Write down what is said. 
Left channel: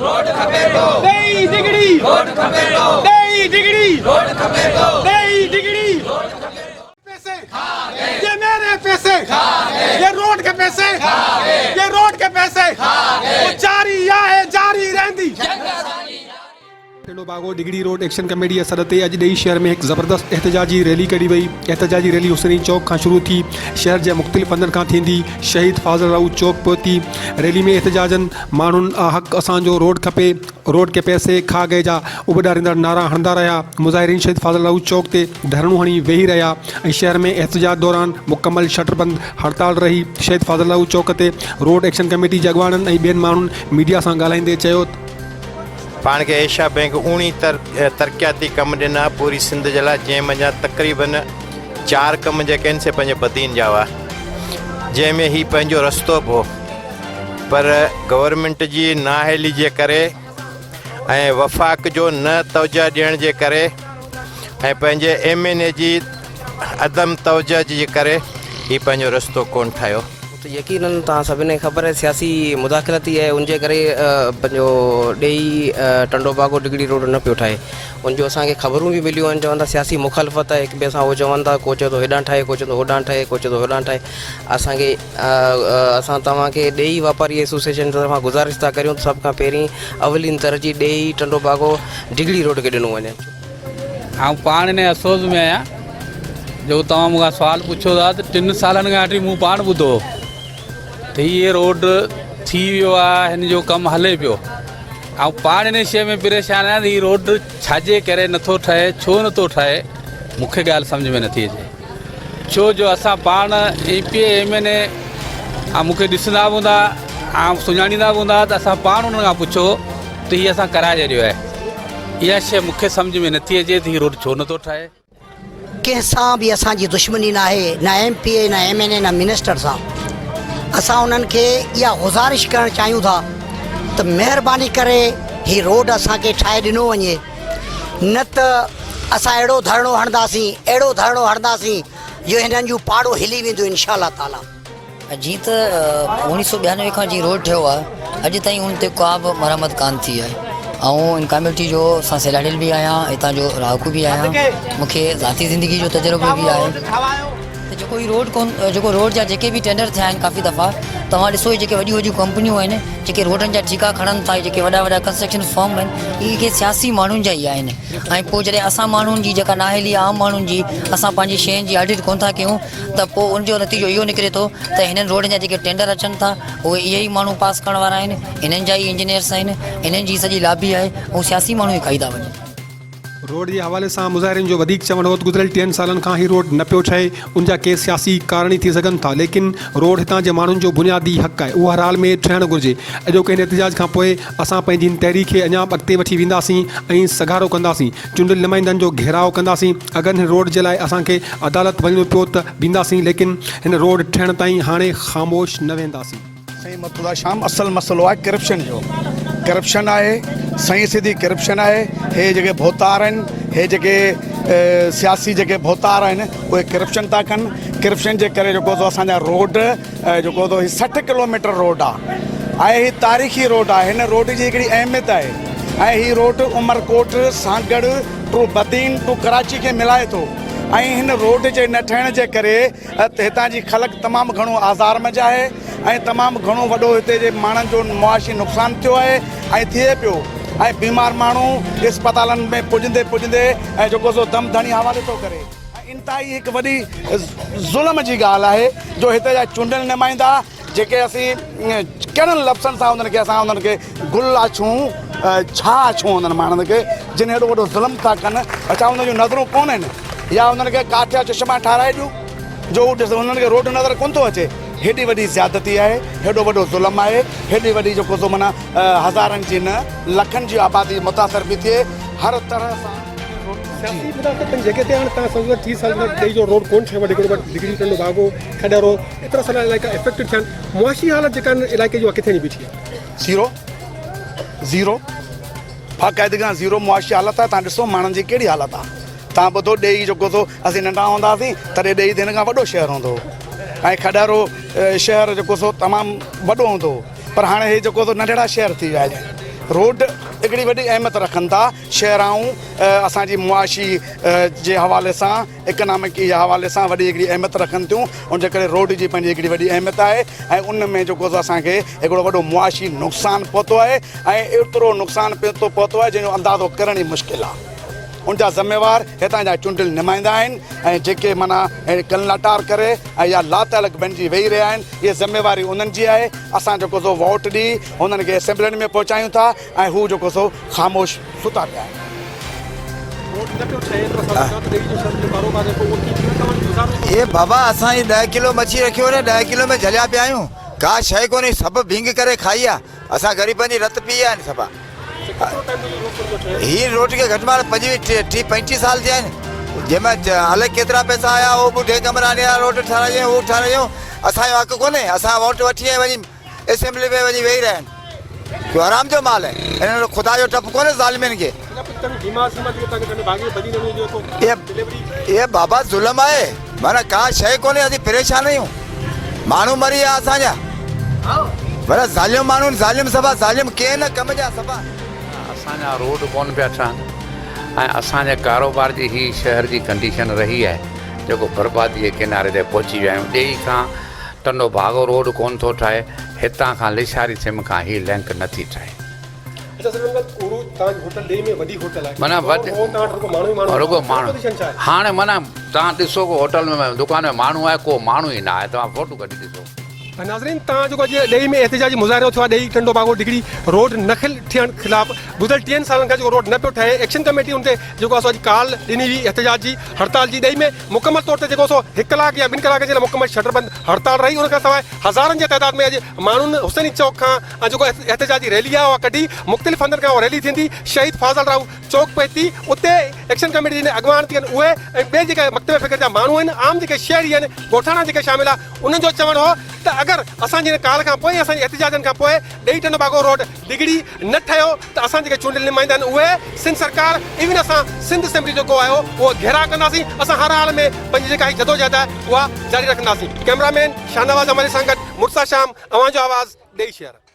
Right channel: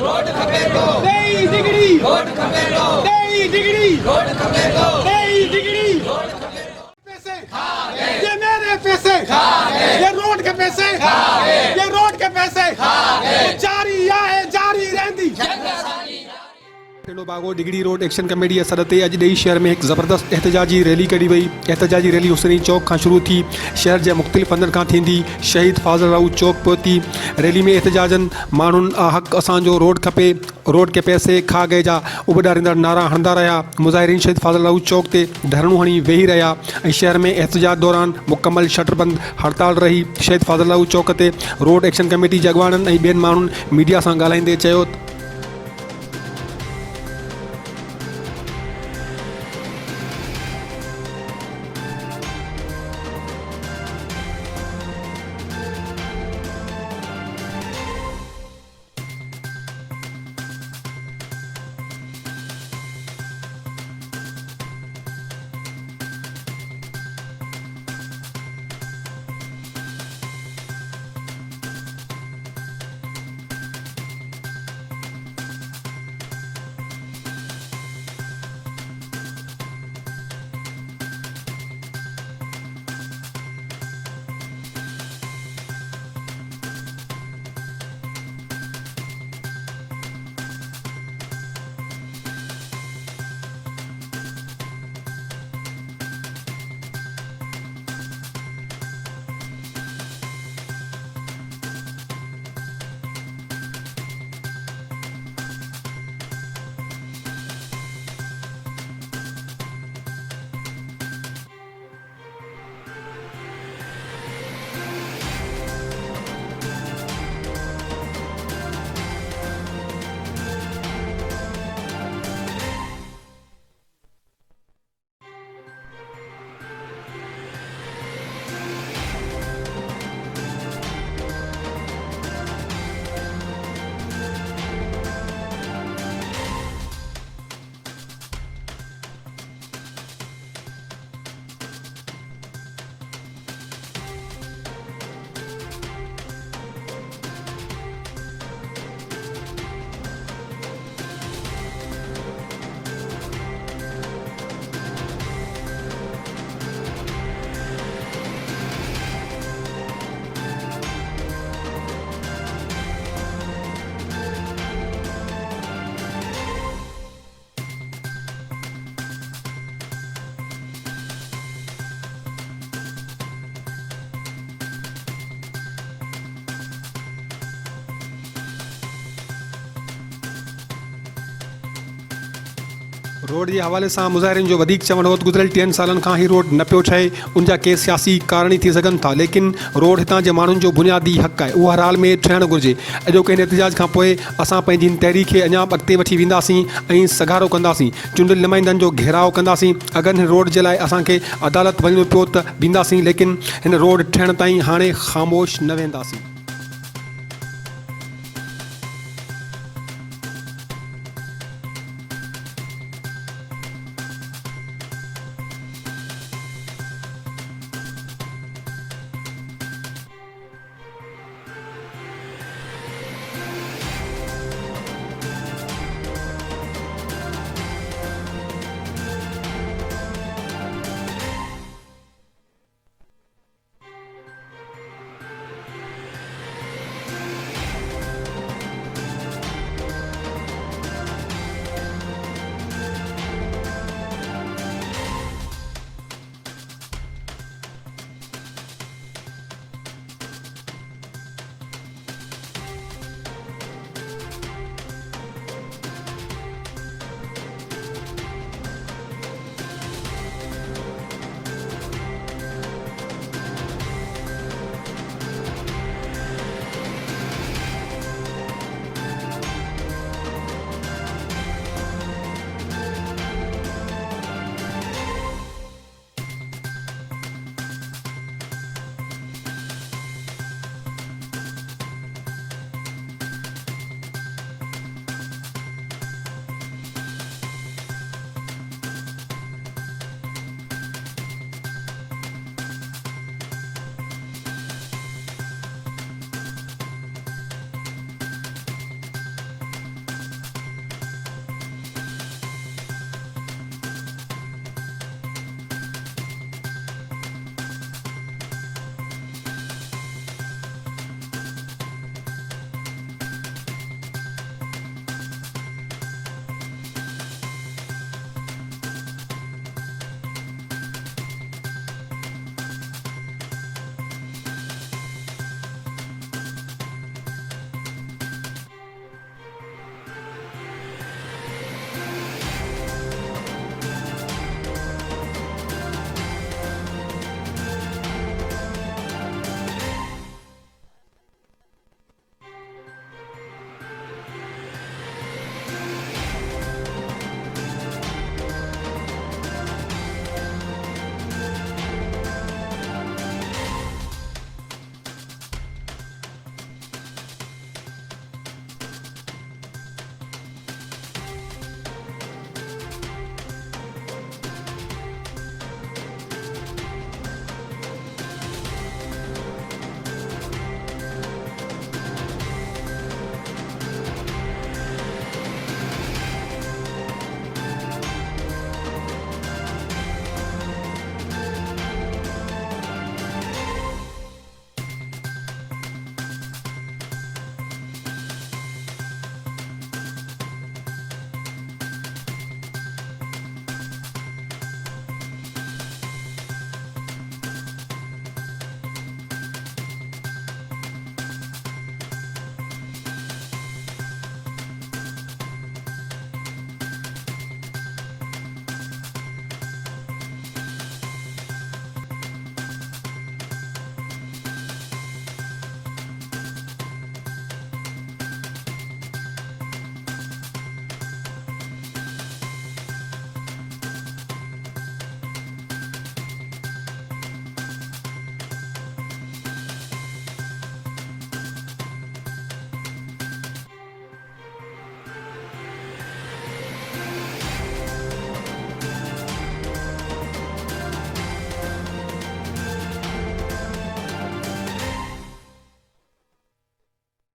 रोड खपे तो नई डिग्री रोड खपे तो नई डिग्री रोड खपे तो नई डिग्री रोड खपे तो पैसे ये मेरे पैसे ये रोड के पैसे ये रोड के पैसे वो जारी है जारी रहंदी टेलो बागो डिग्री रोड एक्शन कमेटी सदर ते अॼु ॾेई शहर में एक ज़बरदस्त एहतजाजी रैली कढी वई। एहतजाजी रैली हुसैनी चौक खां शुरू थी, शहर जे मुख़्तलिफ़ हंधनि खां थींदी शहीद फाज़ल राउत चौक पहुती। रैली में एहतजाजन माण्हुनि हक़ असांजो रोड खपे, रोड के पैसे खा गए जा उबॾारींदड़ नारा हणंदा रहिया। मुज़ाहिरीन शहीद फाज़ल राउत चौक ते धरणियूं हणी वेही रहिया ऐं शहर में एहतजाज दौरान मुकमल शटरबंद हड़ताल रही। शहीद फाज़ल राउत चौक ते रोड एक्शन कमेटी जे अॻवाननि ऐं ॿियनि माण्हुनि मीडिया सां ॻाल्हाईंदे चयो पाण खे एशिया बैंक उणी तरक़ियाती कम ॾिना पूरी सिंध जे लाइ, जंहिं मंझां तक़रीबन 4 कम जेके आहिनि से पंहिंजे बदीन जा हुआ, जंहिंमें ही पंहिंजो रस्तो बि हो। पर गवर्नमेंट जी नाअहली जे करे ऐं वफ़ाक़ जो न तवजह ॾियण जे करे ऐं पंहिंजे MNA जी अदम तवजह जे करे ही पंहिंजो रस्तो कोन ठाहियो। तो यकीनन तव्हां सभिनी खे ख़बर आहे सियासी मुदाख़लती आहे, उनजे करे पंहिंजो ॾेई टंडो बागो डिग्री रोड न पियो ठाहे। उनजो असांखे ख़बरूं बि मिलियूं आहिनि, चवनि था सियासी मुखालफ़त आहे हिक ॿिए सां। उहो चवनि था को चए थो हेॾां ठाहे, को चए थो होॾां ठाहे, को चए थो होॾां ठाहे। असांखे असां तव्हांखे ॾेई वापारी एसोसिएशन तरफ़ां गुज़ारिश था करियूं त सभ खां पहिरीं अवलीन तरजीह ॾेई टंडो बागो डिग्री रोड खे ॾिनो वञे। आउं पाण इन अफ़सोस में आहियां जो तव्हां मूंखां सुवालु पुछो था त 3 सालनि खां वठी मूं पाण ॿुधो त हीअ रोड थी वियो आहे, हिन जो कमु हले पियो। ऐं पाण इन शइ में परेशान आहियां त हीअ रोड छाजे करे नथो ठहे, छो नथो ठहे, मूंखे ॻाल्हि सम्झ में नथी अचे। छो जो असां पाण MPA MNA मूंखे ॾिसंदा बि हूंदा ऐं सुञाणींदा बि हूंदा त असां पाण उन्हनि खां पुछो त हीअ असां कराए छॾियो आहे। इहा शइ मूंखे सम्झ में नथी अचे त हीअ रोड छो नथो ठहे। कंहिंसां बि असांजी दुश्मनी न आहे, न MPA न MNA न मिनिस्टर सां। असां उन्हनि खे इहा गुज़ारिश करणु चाहियूं था त महिरबानी करे हीअ रोड असांखे ठाहे ॾिनो वञे, न त असां अहिड़ो धरणो हणंदासीं जो हिननि जूं पाड़ो हिली वेंदो इंशाअल्लाह ताला। जीअं त 1992 खां जीअं रोड ठहियो आहे, अॼु ताईं उन ते का बि मरम्मत कान थी आहे। ऐं इन कम्यूनिटी जो असां सेलाडियल बि आहियां, हितां जो रहाकू बि आहियां, मूंखे ज़ाती ज़िंदगी जो तजुर्बो बि आहे। जेको रोड जा जेके बि टेंडर थिया आहिनि काफ़ी दफ़ा तव्हां ॾिसो, जेके वॾियूं कंपनियूं आहिनि जेके रोडनि जा ठीका खणनि था, जेके वॾा कंस्ट्रक्शन फॉर्म आहिनि, इहे सियासी माण्हुनि जा ई आहिनि। ऐं पोइ जॾहिं असां माण्हुनि जी जेका नाअहली आहे, आम माण्हुनि जी, असां पंहिंजी शयुनि जी ऑडिट कोन था कयूं त पोइ उनजो नतीजो इहो निकिरे थो त हिननि रोडनि जा जेके टेंडर अचनि था उहे इहे ई माण्हू पास करण वारा आहिनि, हिननि जा ई इंजीनियर्स आहिनि, हिननि जी सॼी लाबी आहे, ऐं सियासी माण्हू ई खाई था वञनि। रोड के हवाले से मुज़ाहिरीन जो वधीक चवण हो गुज़िरियल 3 सालन खां ही रोड न पियो ठहे। उनजा के सियासी कारण थी सघनि था, लेकिन रोड हितां जे माण्हुनि जो बुनियादी हक़ आहे, उहो हर हाल में ठहिणु घुरिजे। अॼोके हिन एहतजाज खां पोइ असां पंहिंजी तहरीक खे अञा अॻिते वठी वेंदासीं ऐं सगारो कंदासीं, चूंडियल नुमाइंदनि जो घेराव कंदासीं। अगरि हिन रोड जे लाइ असांखे अदालत वञिणो पियो त वेंदासीं, लेकिन हिन रोड ठहिण ताईं हाणे ख़ामोश न वेंदासीं। शाम असल मसलो आहे करप्शन जो। करप्शन आहे, सही सिधी करप्शन आहे। हे जेके भोतार आहिनि, हे जेके सियासी जेके भोतार आहिनि, उहे करप्शन था कनि। करप्शन जे करे जेको असांजा रोड जेको 60 किलोमीटर रोड आहे, ही तारीख़ी रोड आहे। हिन रोड जी हिकिड़ी अहमियत आहे ऐं हीअ रोड उमरकोट सां गॾु टू बदीन टू कराची खे मिलाए थो। ऐं हिन रोड जे न ठहिण जे करे हितां जी ख़लक तमामु घणो आज़ार में आहे ऐं तमामु घणो वॾो हिते जे माण्हुनि जो मुआशी नुक़सानु थियो आहे ऐं थिए पियो। ऐं बीमार माण्हू अस्पतालनि में पुॼंदे ऐं जेको सो दम धणी हवाले थो करे। इंतिहाई हिकु वॾी ज़ुल्म जी ॻाल्हि आहे जो हिते जा चूंडियल नुमाइंदा जेके असीं कहिड़नि लफ़्ज़नि सां उन्हनि खे गुल आछूं छा आछूं उन्हनि माण्हुनि खे जिन हेॾो वॾो ज़ुल्म था कनि। अच्छा उन्हनि जूं नज़रूं कोन आहिनि या उन्हनि खे काठिया चश्मा ठाराए ॾियूं जो उन्हनि खे रोड नज़र कोन थो अचे। हेॾी वॾी ज़्यादती आहे, हेॾो वॾो ज़ुल्म आहे, हेॾी वॾी जेको सो माना हज़ारनि जी न लखनि जी आबादी मुतासिर बि थिए हर तरह सां। जगह ते हाणे तव्हां सम्झो 30 साल खां ॾेई जो रोड कोन ठहियो आहे, डिग्री टंडो बागो खॾरो एतिरा सारा इलाइक़ा इफेक्टेड थिया आहिनि। मुआशी हालत जेका इलाइक़े जो किथे बीठी आहे? ज़ीरो बाक़ाइदगी सां ज़ीरो मुआशी हालत आहे। तव्हां ॾिसो माण्हुनि जी कहिड़ी हालत आहे। तव्हां ॿुधो ॾेई जेको सो असीं नंढा हूंदा हुआसीं तॾहिं ॾेई हिन खां वॾो शहर हूंदो हो ऐं खॾरो शहर जेको सो तमामु वॾो हूंदो हो, पर हाणे हे जेको सो नंढड़ा शहर थी विया आहिनि। रोड हिकिड़ी वॾी अहमियत रखनि था शहर ऐं असांजी मुआशी जे हवाले सां इकनॉमिक जे हवाले सां वॾी हिकिड़ी अहमियत रखनि थियूं उन जे करे रोड जी पंहिंजी हिकिड़ी वॾी अहमियत आहे ऐं उन में जेको असांखे हिकिड़ो वॾो मुआशी नुक़सानु पहुतो आहे ऐं एतिरो नुक़सानु पहुतो आहे जंहिंजो अंदाज़ो करण ई मुश्किल आहे उनजा ज़िम्मेवार हितां जा चूंडियल नुमाइंदा आहिनि ऐं जेके माना कलनाटार करे ऐं या लातल बणिजी वेही रहिया आहिनि इहा ज़िम्मेवारी उन्हनि जी आहे असां जेको सो वोट ॾी हुननि खे असेंबलियुनि में पहुचायूं था ऐं हू जेको सो ख़ामोश सुता पिया आहिनि ये बाबा असां ही 10 किलो मच्छी रखी हो 10 किलो में झलिया पिया आहियूं का शइ कोन्हे सभु भींग करे खाई आहे असां ग़रीबनि जी रत पी आहिनि सभा ही रोड के घट में 25-35 साल थिया आहिनि जंहिंमें अलॻि केतिरा पैसा आया उहो ॿुढे कमराने रोड ठारायूं उहो ठारायूं असांजो हक़ कोन्हे असां वोट वठी ऐं वञी असेंबली में वञी वेही रहिया आहिनि जो आराम जो माल आहे हिन ख़ुदा जो टप कोन्हे ज़ालिमनि खे ये बाबा ज़ुल्म आहे माना का शइ कोन्हे असीं परेशान आहियूं माण्हू मरी विया असांजा पर ज़ालिम माण्हू ज़ालिम सभा ज़ालिम के न कम जा सभा असांजा रोड कोन पिया ठहनि ऐं असांजे कारोबार जी ही शहर जी कंडीशन रही आहे जेको बर्बादी जे किनारे ते पहुची विया आहियूं ॾेई खां टंडो भागो रोड कोन थो ठहे हितां खां लिशारी सिम खां ही लिंक नथी ठहे माना रुगो माण्हू हाणे माना तव्हां ॾिसो को होटल में दुकान में माण्हू आहे को माण्हू ई न आहे तव्हां फोटो कढी ॾिसो नाज़रीन तव्हां जेको अॼु ॾेई में एहतिजाजी मुज़ाहिरो थियो आहे ॾेई टंडो बागो डिगड़ी रोड न थियण ख़िलाफ़ गुज़िरियल 3 सालनि खां जेको रोड न पियो ठहे एक्शन कमेटी उन ते जेको असां अॼु काल ॾिनी हुई एहतिजाज जी हड़ताल जी ॾेई में मुकमल तौर ते जेको सो 1 कलाक या 2 कलाक जे लाइ मुकमल शटरबंद हड़ताल रही उन खां सवाइ हज़ारनि जे तइदाद में अॼु माण्हुनि हुसैनी चौक खां जेको एहतिजाजी रैली आहे उहा कढी मुख़्तलिफ़ हंधनि खां उहा रैली थींदी शहीद फाज़ल राव चौक पे थी उते एक्शन कमेटी जे अॻवान थी आहिनि उहे ऐं ॿिए जेके मकतब फ़िक्र जा माण्हू आहिनि आम जेके शहरी आहिनि ॻोठाणा जेके शामिल आहे उन्हनि जो चवणु हो त अगरि असांजे काल खां पोइ असांजे एहतिजाजनि खां पोइ ॾेई टंडो बागो रोड डिगड़ी न ठहियो त असां जेके चूंडियल नुमाइंदा आहिनि उहे सिंध सरकार इवन असां सिंध असेंबली जेको आयो उहो घेरा कंदासीं असां हर हाल में पंहिंजी जेका जदोजहद आहे उहा जारी रखंदासीं कैमरामैन शाहनवाज़ अमरी सां गॾु मुर्सा शाम अवां जो आवाज़ ॾेई शहर